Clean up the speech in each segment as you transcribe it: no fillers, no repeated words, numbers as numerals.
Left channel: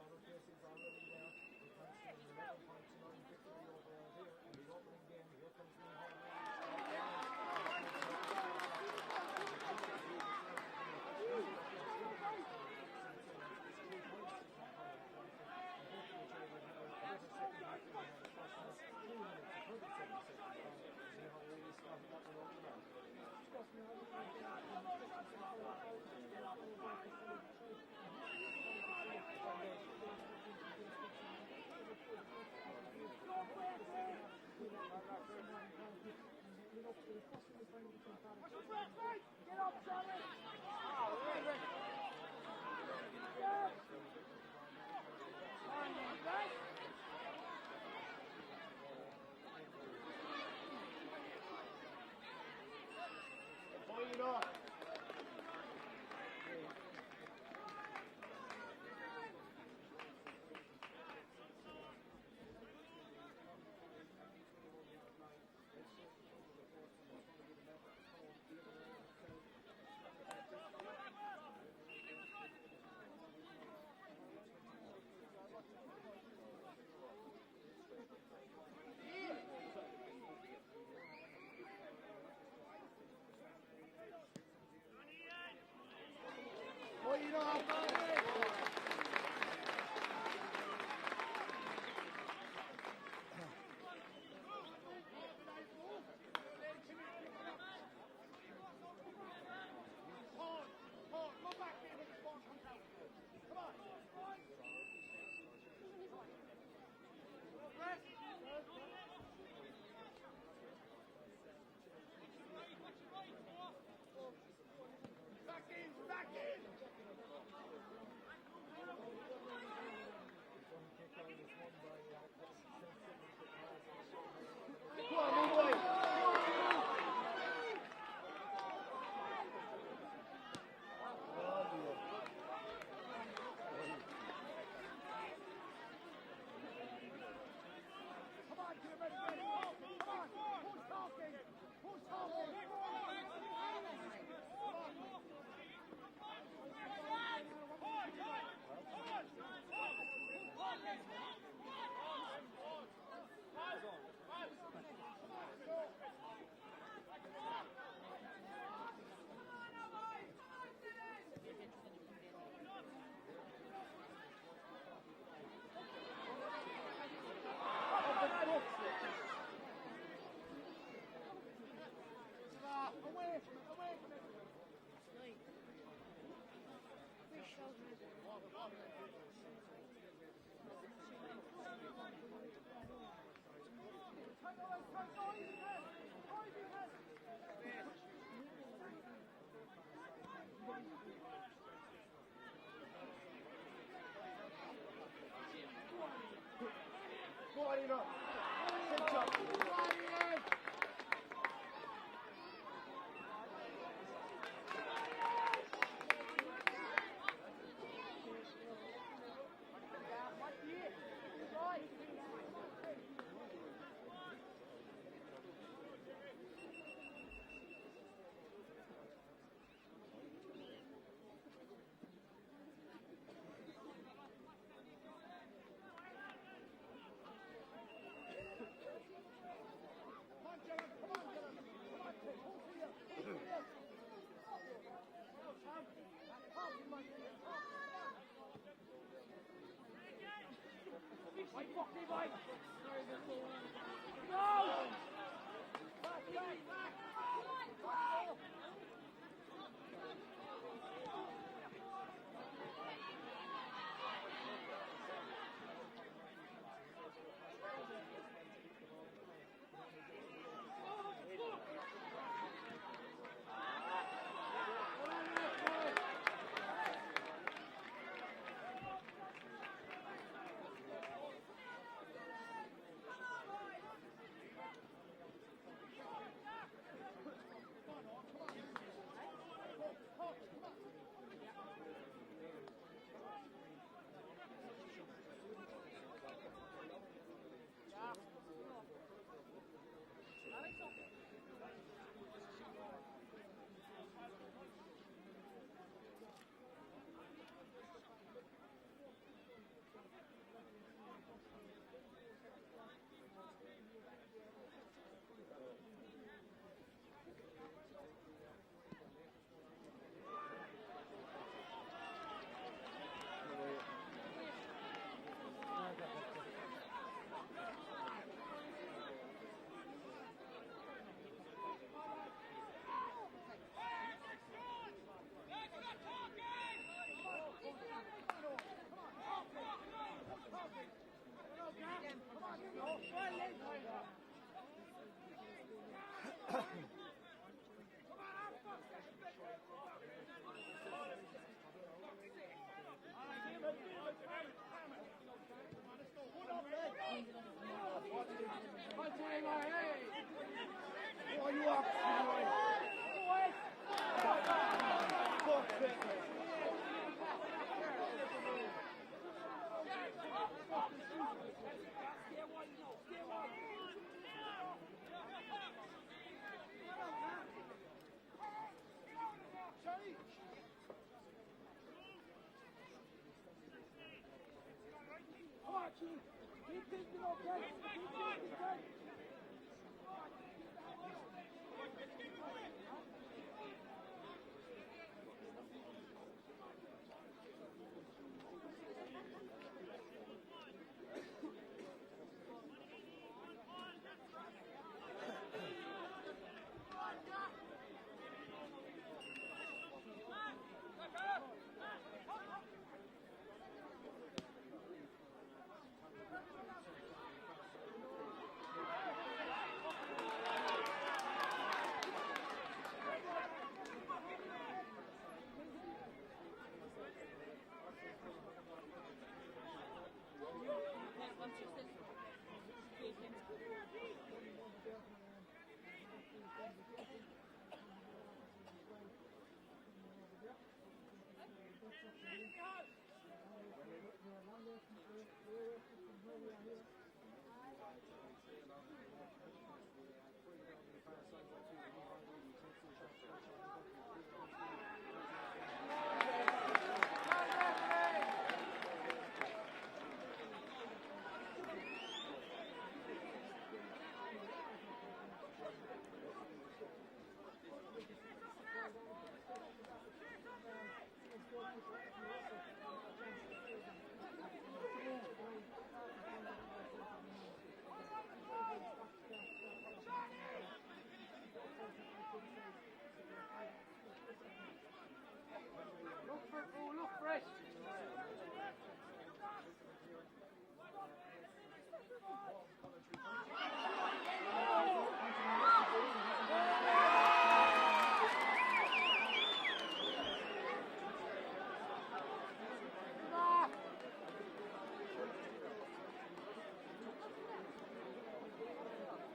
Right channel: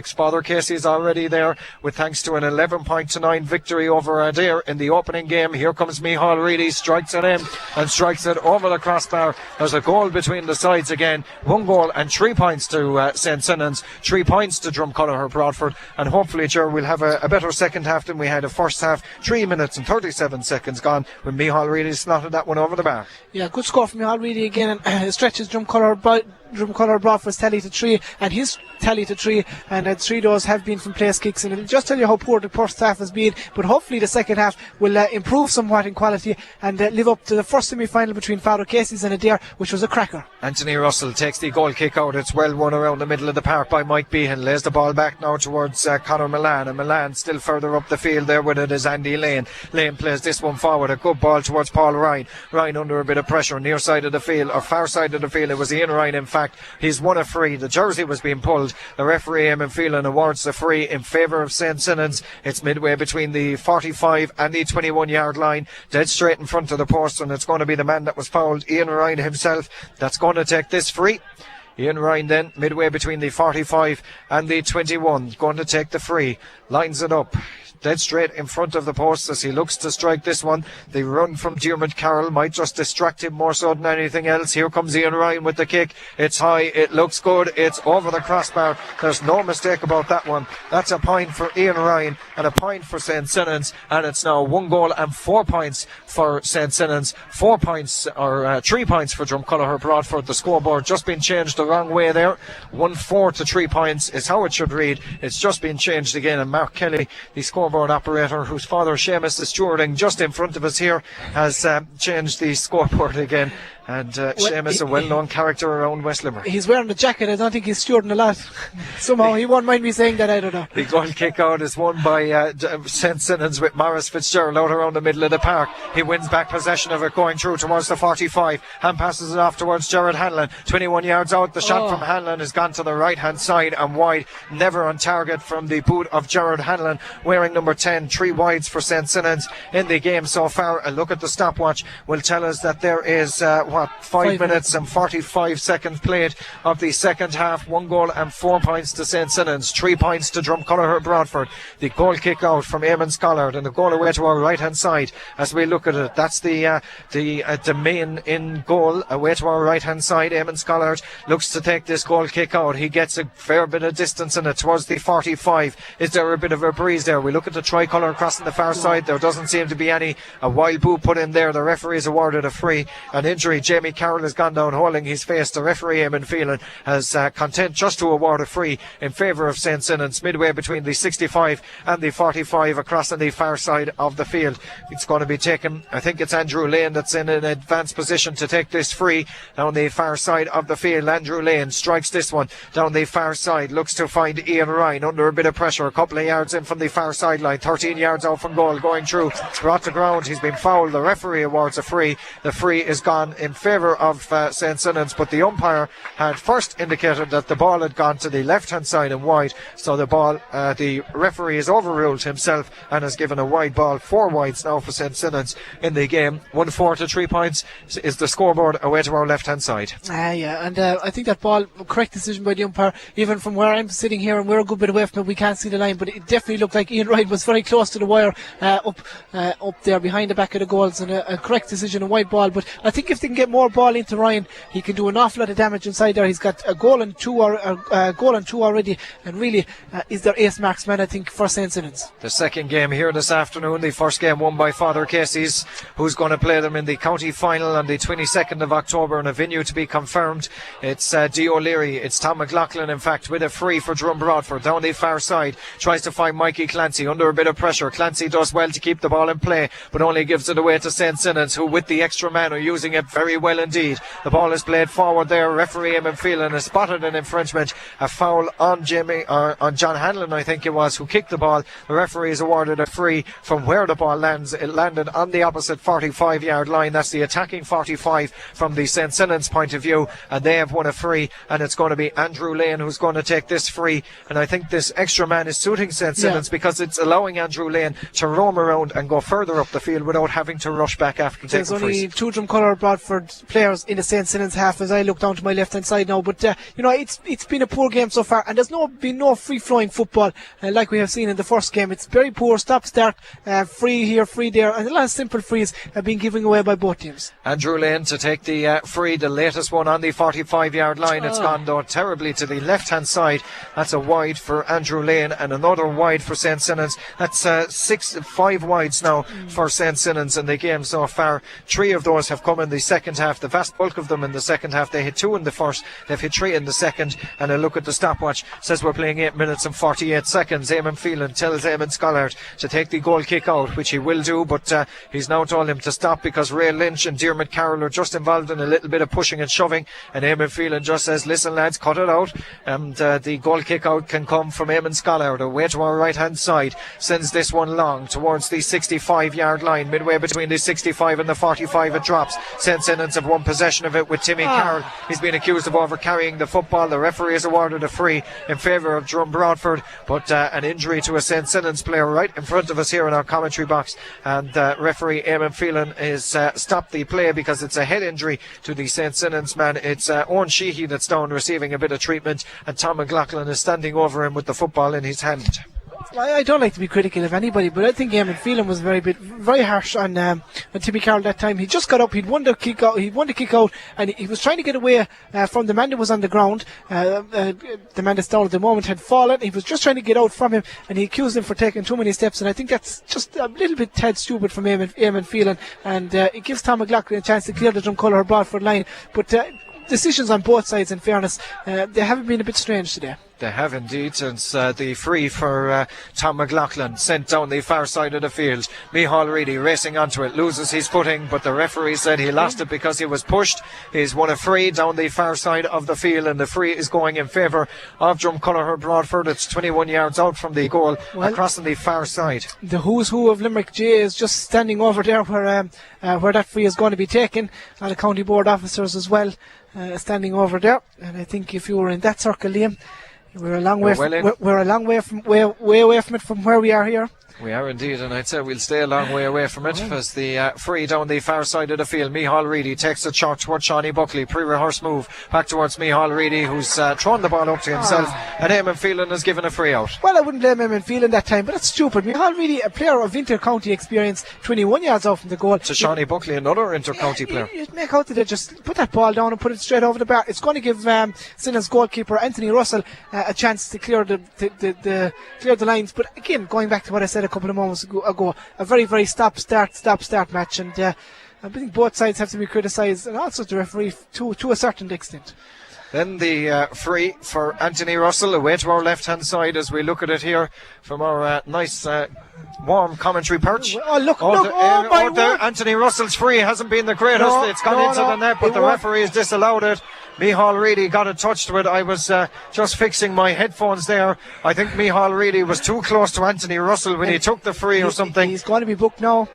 Father Casey is already there with thanks to an 11-9 victory over Adair in the opening game. Here comes Micheál Reedy, strikes it in and strikes it over the crossbar. There's a goal between the sides again. 1 goal and 3 points to St. Sinan's, 3 points to Drumcolliher Broadford, and hopefully, Ger, we'll have a better second half than we had a first half. 3 minutes and 37 seconds gone when Micheál Reedy slotted that one over the bar. Yeah, good score from Micheál Reedy again, and stretches Drumcolliher Broadford's tally to 3 and his tally to 3, and 3 of those have been from place kicks, and it'll just tell you how poor the first half has been, but hopefully the second half will improve somewhat in quality and live up to the first semi-final between Father Casey's and Adair, which was a cracker. Anthony Russell takes the goal kick out. It's well won around the middle of the park by Mike Behan. Lays the ball back now towards Conor Milan, and Milan still further up the field there with it is Andy Lane. Lane plays this one forward, a good ball towards Paul Ryan. Ryan under a bit of pressure, near side of the field, or far side of the field. It was Ian Ryan, in fact. He's won a free. The jersey was being pulled. The referee, Eamon Phelan, awards the free in favour of St. Sinan's. It's midway between the 45 and the 21-yard line, dead straight in front of the post, and it's going to be the man that was fouled, Ian Ryan himself, that's going to take this free. Ian Ryan then, midway between the 45 and the 21, going to take the free, lines it up dead straight in front of the post as he looks to strike this one. The run from Diarmuid Carroll might just distract him more so than anything else. Here comes Ian Ryan with the kick. It's high, it looks good, it's over the crossbar. There's no mistake about that one. That's a point for Ian Ryan and a point for St. Sinan's, and it's now 1 goal and 4 points for St. Sinan's, 4 points or 3 points for Drumcolliher Broadford. The scoreboard just been changed the wrong way there. 1-4 to 3 points is how it should read. It's just been changed again, and Mark Kelly, the scoreboard operator, whose father Seamus is stewarding just in front of us here, has changed the scoreboard again. And Seamus, a well-known character around West Limerick. He's wearing the jacket. I don't think he's stewarding a lot. Somehow he won't mind me saying that, I don't know. The goal kick out is won by St. Sinan's with Maurice Fitzgerald out around the middle of the park. He wins back possession of it, going through towards the 45 and passes it off towards Gerard Hanlon. 21 yards out, the shot from Hanlon has gone to the right hand side and wide, never on target from the boot of Gerard Hanlon, wearing number 10. 3 wides for St. Sinan's in the game so far. A look at the stopwatch will tell us that there is 5 minutes and 45 seconds played of the second half. 1 goal and 4 points to St. Sinan's, 3 points to Drumcolliher Broadford. The goal kick out from Eamon Scollard, and the goal away to our right hand side as we look at it. That's the main in goal away to our right hand side. Eamon Scollard looks to take this goal kick out. He gets a fair bit of distance in it towards the 45. Is there a bit of a breeze there? We look at the tricolour crossing the far side. There doesn't seem to be any. A wild boot put in there. The referee is awarded a free. An injury. Jamie Carroll has gone down holding his face. The referee, Eamon Phelan, has content just to award a free in favour of St. Sinan's, midway between the 65 and the 45 across on the far side of the field. It's going to be taken, I think it's Andrew Lane that's in an advanced position to take this free down the far side of the field. Andrew Lane strikes this one down the far side, looks to find Ian Ryan under a bit of pressure, a couple of yards in from the far sideline, 13 yards out from goal, going through, brought to ground. He's been fouled. The referee awards a free. The free is gone in favour of St. Sinan's, but the umpire had first indicated that the ball had gone to the left hand side and wide, so the referee has overruled himself and has given a wide ball. 4 wides now for St. Sinan's in the game. 1-4 to 3 points is the scoreboard away to our left hand side. And I think that ball, correct decision by the umpire. Even from where I'm sitting here, and we're a good bit away from it, we can't see the line, but it definitely looked like Ian Wright was very close to the wire, up there behind the back of the goals, and a correct decision, a wide ball. But I think if they can get more ball into Ryan, he can do an awful lot of damage inside there. He's got a goal and 2 already, and really is their ace marksman, I think, for St. Sinan's. The second game here this afternoon, the first game won by Father Casey's, who's going to play them in the county final on the 22nd of October in a venue to be confirmed. It's Dee O'Leary, it's Tom McLaughlin, in fact, with a free for Drum Broadford down the far side, tries to find Mikey Clancy under a bit of pressure. Clancy does well to keep the ball in play, but only gives it away to St. Sinan's, who with the extra man are using it very well indeed. The ball is played forward there. Referee Eamon Phelan has spotted an infringement, a foul on John Hanlon, I think it was, who kicked the ball. The referee has awarded a free from where the ball lands. It landed on the opposite 45-yard line. That's the attacking 45 from the St. Sinan's point of view, and they have won a free, and it's going to be Andrew Lane who's going to take this free. And I think this extra man is suiting St. Sinan's because it's allowing Andrew Lane to roam around and go further up the field without having to rush back after taking frees. There's only 2 Drumcolliher Broadford different players in the St. Sinnans half as I look down to my left hand side now. But it's been a poor game so far, and there's been no free flowing football like we have seen in the first game. It's very poor stop start, free here, free there, and a lot of simple frees have been given away by both teams. Andrew Lane to take the free, the latest one on the 45-yard line. It's gone though terribly to the left hand side. That's a wide for Andrew Lane and another wide for St. Sinnans. That's 5 wides now for St. Sinnans in the game so far. 3 of those have come in the second half, the vast bulk of them in the second half. They hit 2 in the first, they've hit 3 in the second, and a look at the stopwatch says we're playing 8 minutes and 48 seconds. Eamon Phelan tells Eamon Scollard to take the goal kick out, which he will do, but he's now told him to stop because Ray Lynch and Diarmuid Carroll are just involved in a little bit of pushing and shoving, and Eamon Phelan just says, listen lads, cut it out, and the goal kick out can come from Eamon Scollard away to our right hand side, sends this one long towards the 65-yard line, midway between the 65 and the 45 it drops. St. Sinnans have won possession of it with Timmy Carroll. He's been accused of over-carrying the football. The referee has awarded a free in favour of Drum Broadford, but an injury to a St. Sinnans player right in front of us here in our commentary box, and referee Eamon Phelan has stopped the play because it's a head injury to the St. Sinnans man. It's Owen Sheehy that's down receiving a bit of treatment, and Tom McLaughlin is standing over him with the football in his hand. I don't like to be critical of anybody, but I think Eamon Phelan was very harsh on Timmy Carroll that time. He just got up, he'd won the kick out, and he was trying to get away from the man that was on the ground. The man that's down at the moment had fallen. He was just trying to get out from him, and he accused him for taking too many steps, and I think that's just a little bit Ted stupid from Eamon Phelan, and it gives Tom McLaughlin a chance to clear the Drumcolour Broadford line. But decisions on both sides, in fairness, they haven't been a bit strange today. They have indeed, since the free for Tom McLaughlin sent down the far side of the field. Micheál Reedy racing onto it, loses his footing, but the referee said he lost it because he was pushed. He's won a free down the far side of the field, and the free is going in favour of Drumcolour Broadford. It's 21 yards out from the goal, across on the far side. The who's who of Limerick J is just standing over there where that free is going to be taken, and the county board officers as well standing over there. And I think if you were in that circle, Liam, we're a long way away from it from where we are here. We are indeed, and I'd say we'll stay a long way away from it as the free down the far side of the field. Micheál Reedy takes a shot towards Shawnee Buckley, pre-rehearsed move back towards Micheál Reedy, who's thrown the ball up to himself, and Eamon Phelan has given a free out. Well, I wouldn't blame Eamon Phelan that time, but that's stupid. Micheál Reedy, a player of inter-county experience, 21 yards out from the goal. To Shawnee Buckley, another inter-county player. You'd make out that they just put that ball down and put it straight over the bar. It's going to give Sinnans goalkeeper Anthony Russell a chance to clear the lines. But again, going back to what I said a couple of moments ago, a very, very stop-start match, and I think both sides have to be criticised, and also the referee to a certain extent. Then the free for Anthony Russell away to our left-hand side as we look at it here from our nice warm commentary perch. Anthony Russell's free hasn't been the greatest. It's gone into the net, but the referee has disallowed it. Micheál Reedy got a touch to it. I was just fixing my headphones there. I think Micheál Reedy was too close to Anthony Russell when he took the free or something. He's going to be booked now.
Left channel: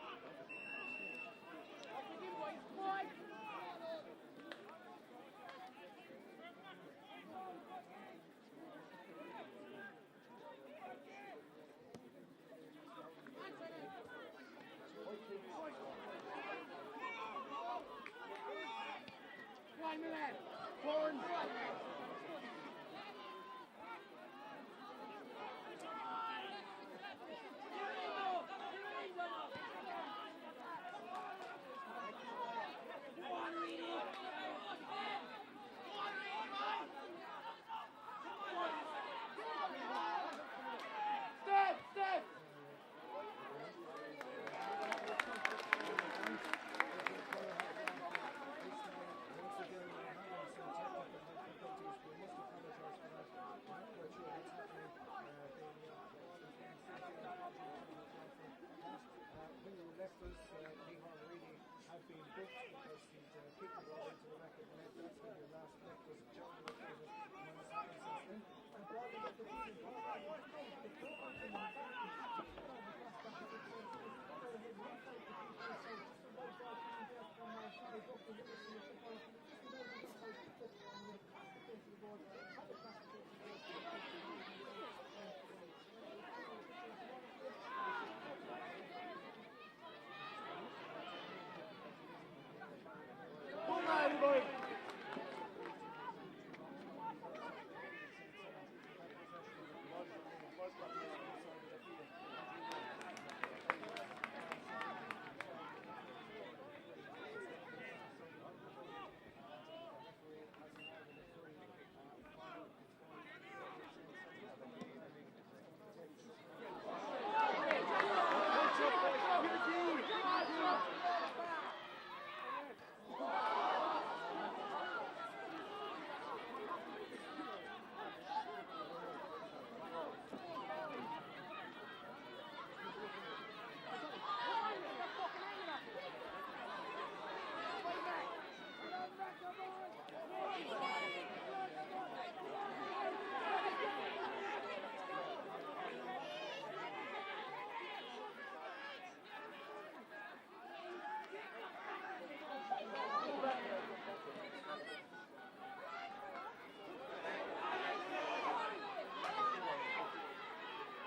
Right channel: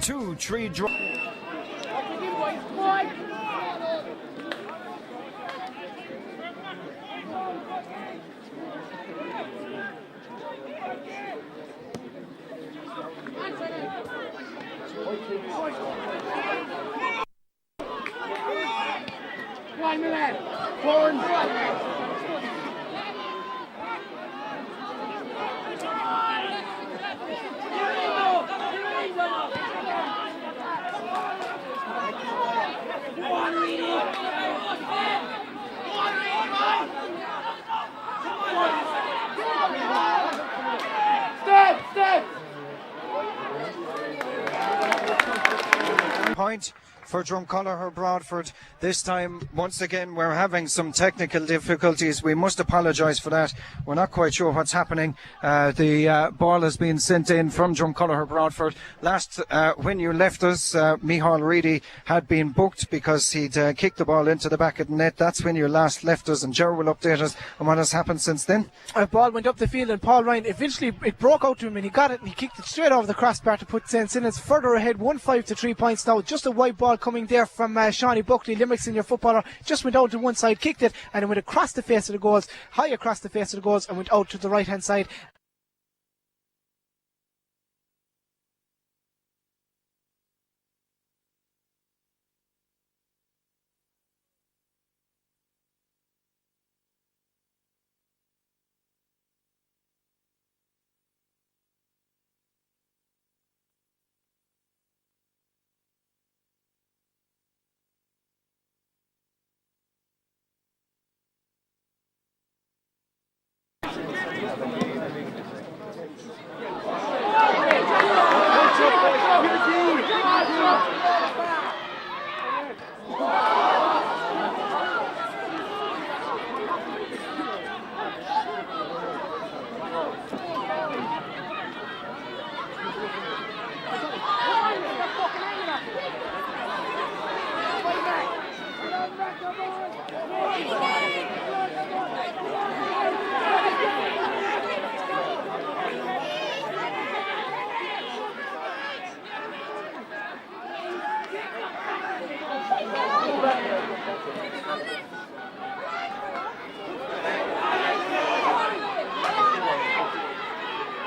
2-3 draw. Point for Drumcollar Broadford. This time, once again, we're having some technical difficulties. We must apologise for that. We're not quite sure what's happening. The ball has been sent in from Drumcollar Broadford. Last, when you left us, Micheál Reedy had been booked because he'd kicked the ball into the back of the net. That's when you last left us, and Ger will update us on what has happened since then. A ball went up the field, and Paul Ryan, eventually it broke out to him, and he got it, and he kicked it straight over the crossbar to put St. Sinnans further ahead, 1-5 to 3 points now. Just a wide ball coming there from Shawnee Buckley, Limerick senior footballer, just went out to one side, kicked it, and it went across the face of the goals, high across the face of the goals, and went out to the right hand side.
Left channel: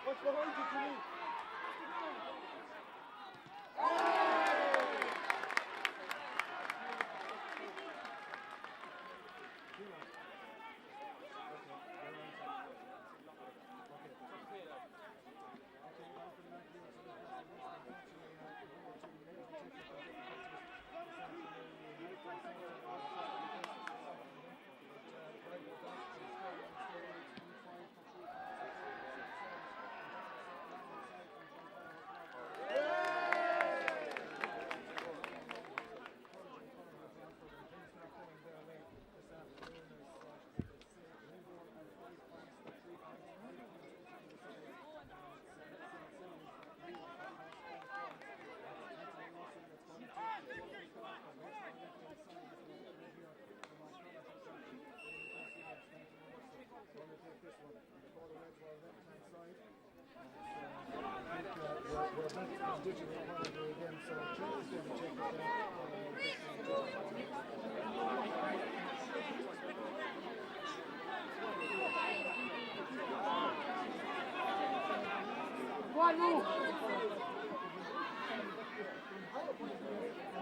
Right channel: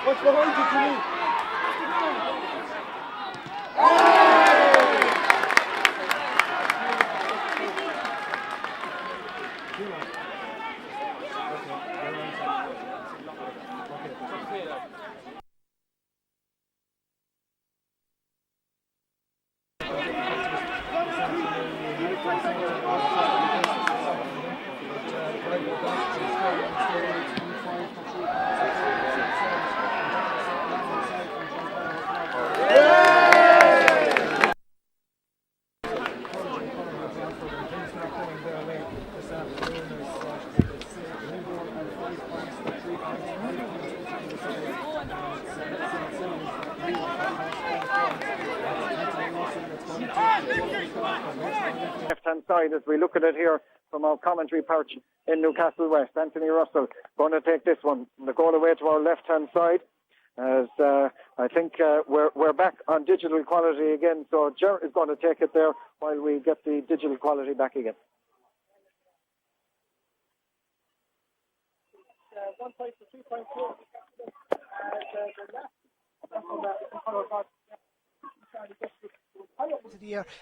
What's behind you to me? Left-hand side as we look at it here from our commentary perch in Newcastle West. Anthony Russell going to take this one. The goal away to our left-hand side. As I think we're back on digital quality again, so Ger is going to take it there while we get the digital quality back again.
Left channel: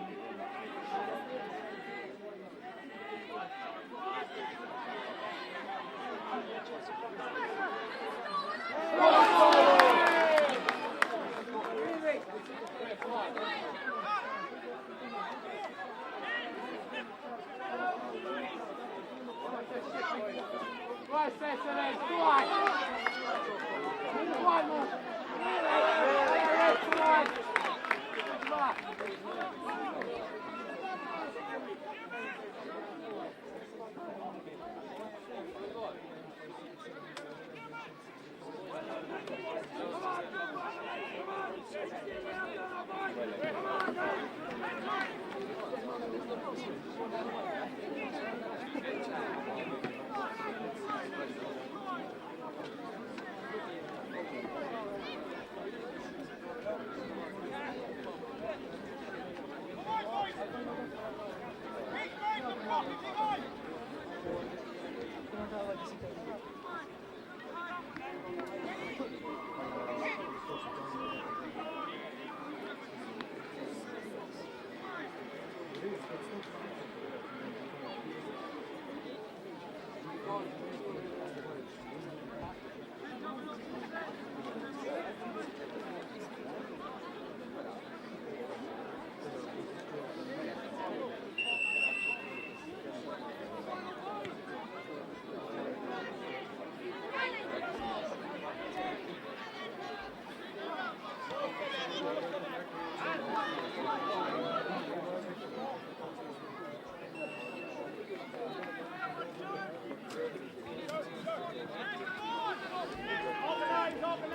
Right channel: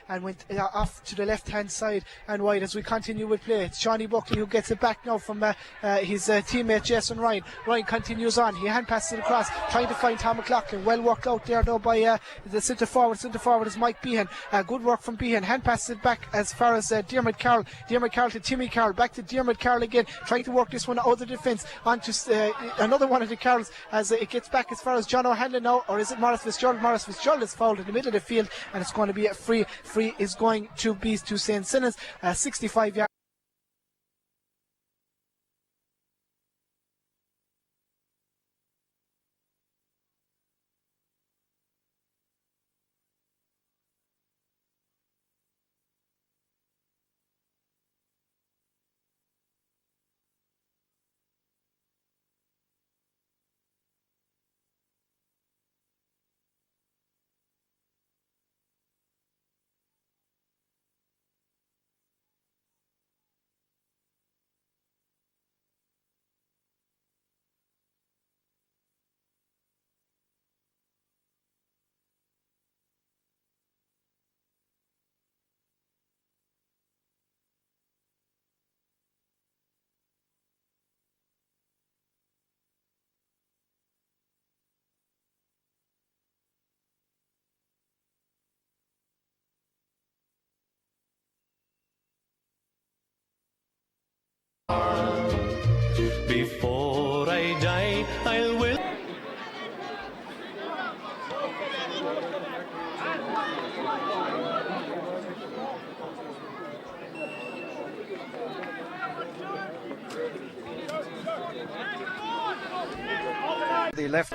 And went off to the left hand side and wide as we continue with play. It's Shawnee Buckley who gets it back now from his teammate Jason Ryan. Ryan continues on, he hand passes across, trying to find Tom McLaughlin. Well worked out there though by the centre forward is Mike Behan. Good work from Behan, hand passes it back as far as Diarmuid Carroll to Timmy Carroll, back to Diarmuid Carroll again, trying to work this one out of the defence onto another one of the Carrolls as it gets back as far as John O'Hanlon now, or is it Maurice Fitzgerald? Maurice Fitzgerald is fouled in the middle of the field, and it's going to be a free is going to be to St. Sinnans, 65 yards. Before I die, I will. The left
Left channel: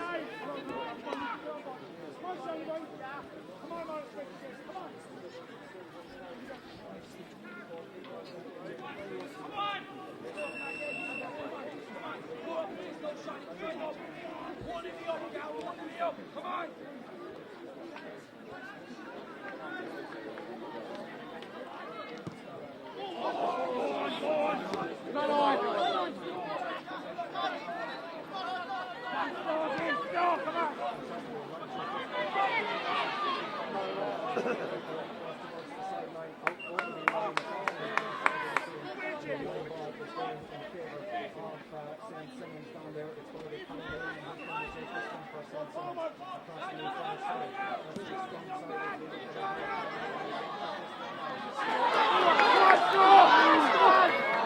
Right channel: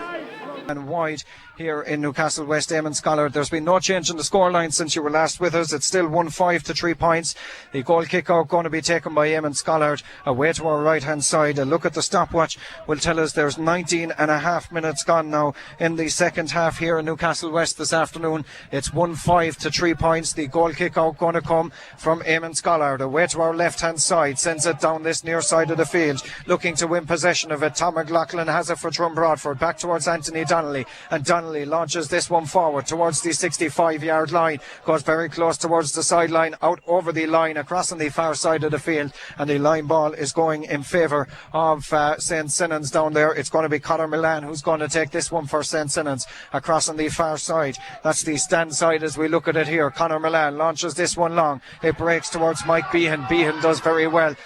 and wide here in Newcastle West. Eamon Scholar, there's been no change in the scoreline since you were last with us. It's still 1-5 to 3 points. The goal kick out going to be taken by Eamon Scholar away to our right hand side. A look at the stopwatch will tell us there's 19 and a half minutes gone now in the second half here in Newcastle West this afternoon. It's 1-5 to 3 points. The goal kick out going to come from Eamon Scholar away to our left hand side, sends it down this near side of the field, looking to win possession of it. Tom McLaughlin has it for Drum Broadford, back towards Anthony Donnelly, and Donnelly launches this one forward towards the 65-yard line, goes very close towards the sideline, out over the line, across on the far side of the field, and the line ball is going in favour of St. Sinnans down there. It's going to be Conor Milan who's going to take this one for St. Sinnans across on the far side. That's the stand side as we look at it here. Conor Milan launches this one long. It breaks towards Mike Behan. Behan does very well.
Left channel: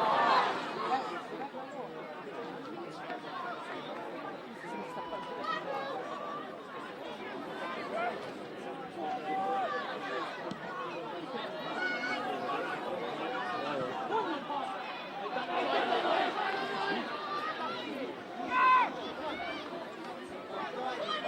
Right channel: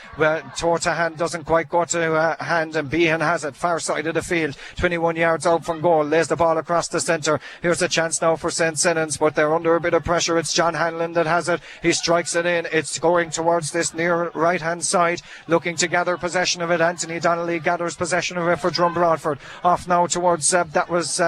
Toe to hand doesn't quite go to hand, and Behan has it far side of the field, 21 yards out from goal, lays the ball across the centre. Here's a chance now for St. Sinnans, but they're under a bit of pressure. It's John Hanlon that has it. He strikes it in. It's going towards this near right hand side, looking to gather possession of it. Anthony Donnelly gathers possession of it for Drum Broadford. Off now towards that was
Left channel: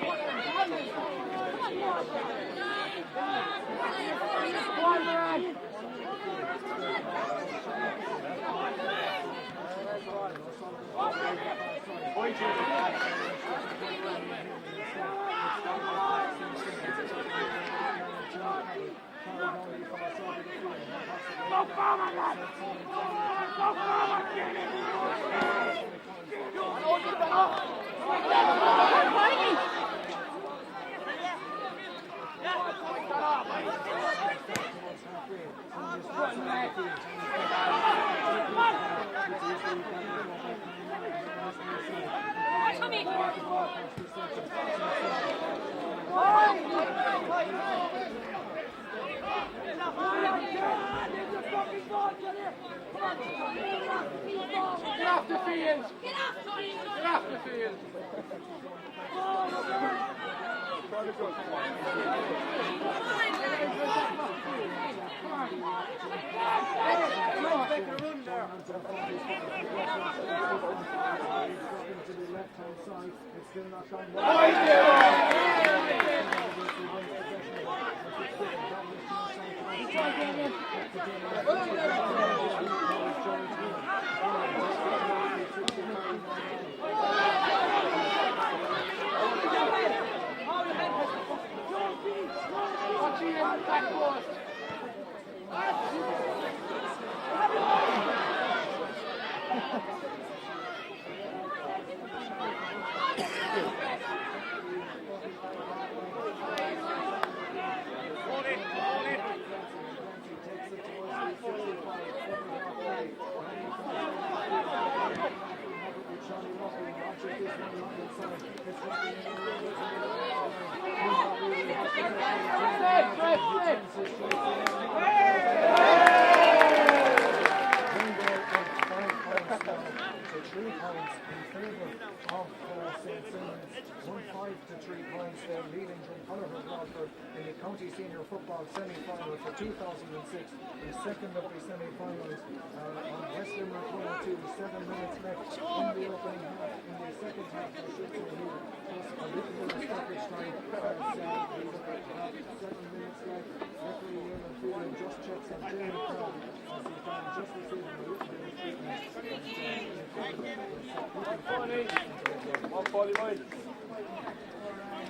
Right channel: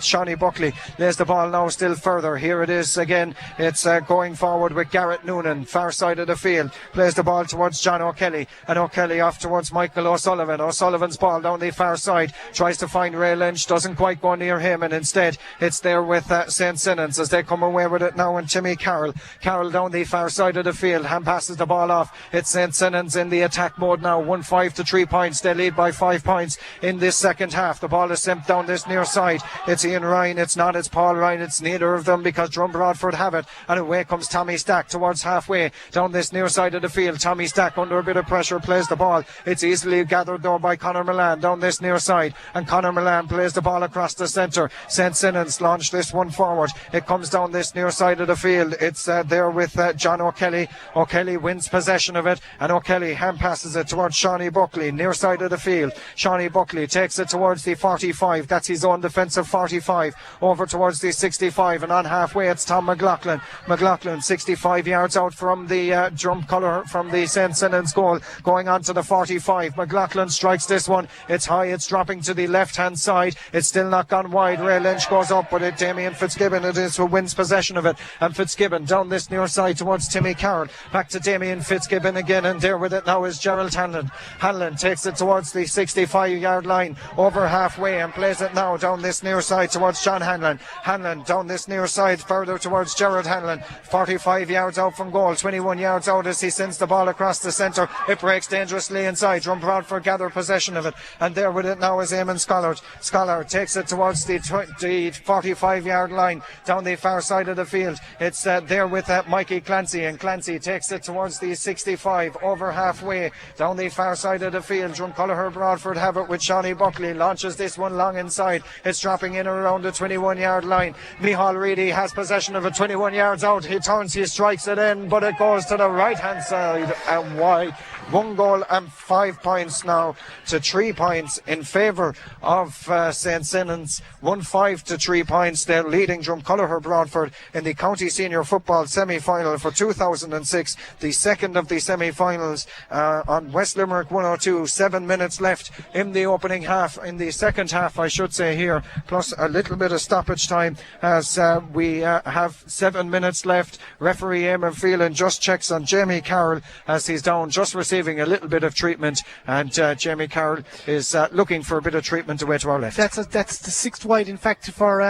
Shawnee Buckley, lays the ball now still further. Here it is again. It's going forward with Garrett Noonan, far side of the field, plays the ball towards John O'Kelly, and O'Kelly off towards Michael O'Sullivan. O'Sullivan's ball down the far side, tries to find Ray Lynch, doesn't quite go near him, and instead it's there with St. Sinnans as they come away with it now. And Timmy Carroll down the far side of the field, hand passes the ball off. It's St. Sinnans in the attack mode now, 1-5 to 3 points. They lead by 5 points in this second half. The ball is sent down this near side. It's Ian Ryan, it's not, it's Paul Ryan, it's neither of them, because Drum Broadford have it, and away comes Tommy Stack towards halfway down this near side of the field. Tommy Stack under a bit of pressure plays the ball. It's easily gathered though by Conor Milan down this near side, and Conor Milan plays the ball across the centre. St. Sinnans launch this one forward. It comes down this near side of the field. It's there with John O'Kelly. O'Kelly wins possession of it, and O'Kelly hand passes it towards Shawnee Buckley, near side of the field. Shawnee Buckley takes it towards the 45. That's his own defensive 45. Over towards the 65, and on halfway it's Tom McLaughlin. McLaughlin 65 yards out from the drum colour from the St. Sinnans goal, going on to the 45. McLaughlin strikes this one. It's high, it's dropping to the left hand side. It's still not gone wide. Ray Lynch goes up, but Damien Fitzgibbon it is who wins possession of it, and Fitzgibbon down this near side towards Timmy Carroll, back to Damien Fitzgibbon again, and there with it now is Gerald Hanlon. Hanlon takes it towards the 65-yard line, over halfway, and plays it now down this near side towards John Hanlon. Hanlon down this near side further towards Gerald Hanlon, 45 yards out from goal, 21 yards out as he sends the ball across the centre. It breaks dangerously inside. Drum Broadford gather possession of it, and there with it now is Eamon Scholar. Scholar takes it towards the 45-yard line down the far side of the field. It's there with Mikey Clancy, and Clancy takes it towards the 65, over halfway down the far side of the field. Drumcolliher Broadford have it with Shawnee Buckley, launches this one long inside. It's dropping in around the 21-yard line. Mihal Reedy has possession of it, 21 yards out. He turns, he strikes it in, but it goes to the right hand side and wide. 1 goal and 5 points now to 3 points in favour of St. Sinnans. 1-5 to 3 points. They're leading Drumcolliher Broadford in the County Senior Football semi-final for 2006, the second of the semi-finals on West Limerick 102. 7 minutes left in the opening half, in the second half I should say here, plus a little bit of stoppage time as we have 7 minutes left. Referee Eamon Phelan just checks on Jamie Carroll as he's down, just receiving a little bit of treatment, and Jamie Carroll is looking for a bit of treatment away to our left. That's the sixth wide, in fact, for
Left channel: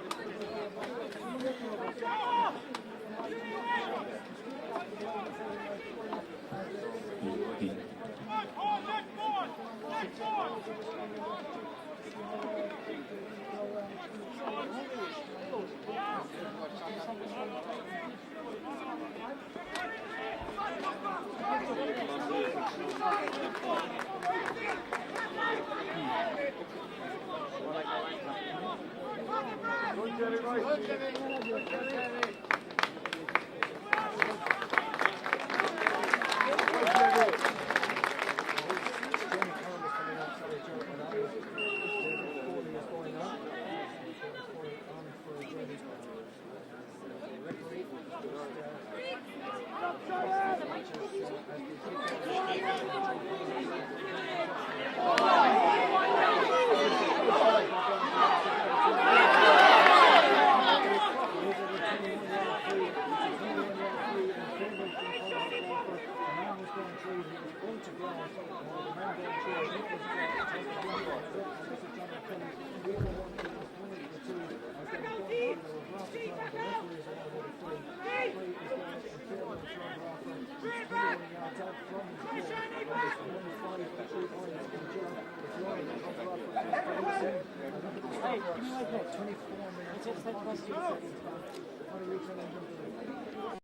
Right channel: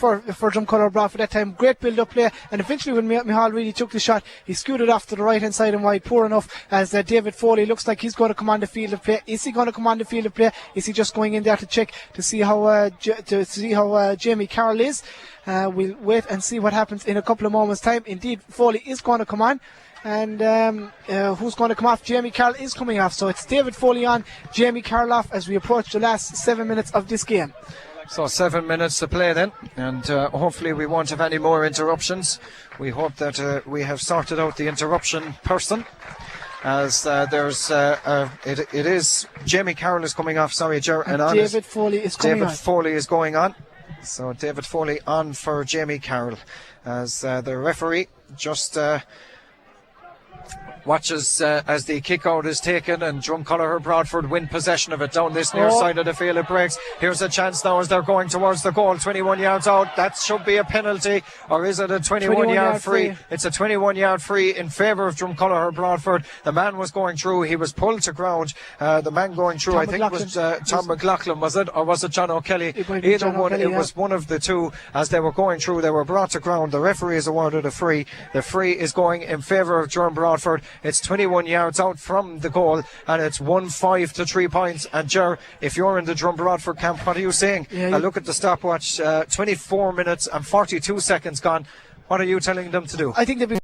Drumcolliher Broadford that time. Great build-up play, and eventually when Mihal really took the shot, he scooted off to the right-hand side and wide, poor enough as David Foley looks like he's going to come on the field of play. Is he going to come on the field of play? Is he just going in there to check to see how Jamie Carroll is? We'll wait and see what happens in a couple of moments' time. Indeed, Foley is going to come on. And who's going to come off? Jamie Carroll is coming off. So it's David Foley on, Jamie Carroll off as we approach the last 7 minutes of this game. So 7 minutes to play then, and hopefully we won't have any more interruptions. We hope that we have sorted out the interruption person. as it is Jamie Carroll is coming off. Sorry, And David Foley is coming David on. Foley is going on. So David Foley on for Jamie Carroll as the referee just watches as the kick out is taken, and Drumcolliher Broadford win possession of it down this near side of the field. It breaks. Here's a chance now as they're going towards the goal. 21 yards out. That should be a penalty, or is it a 21-yard free? It's a 21-yard free in favour of Drumcolliher Broadford. The man was going through. He was pulled to ground. The man going through, I think, was Tom McLaughlin, was it? Or was it John O'Kelly? Either one. It was one of the two. As they were going through, they were brought to ground. The referee is awarded a free. The free is going in favour of Drum Broadford. It's 21 yards out from the goal, and it's 1-5 to 3 points. And Ger, if you're in the Drum Broadford camp, what are you saying? Look at the stopwatch, 24 minutes and 42 seconds gone. What are you telling them to do? I think they've been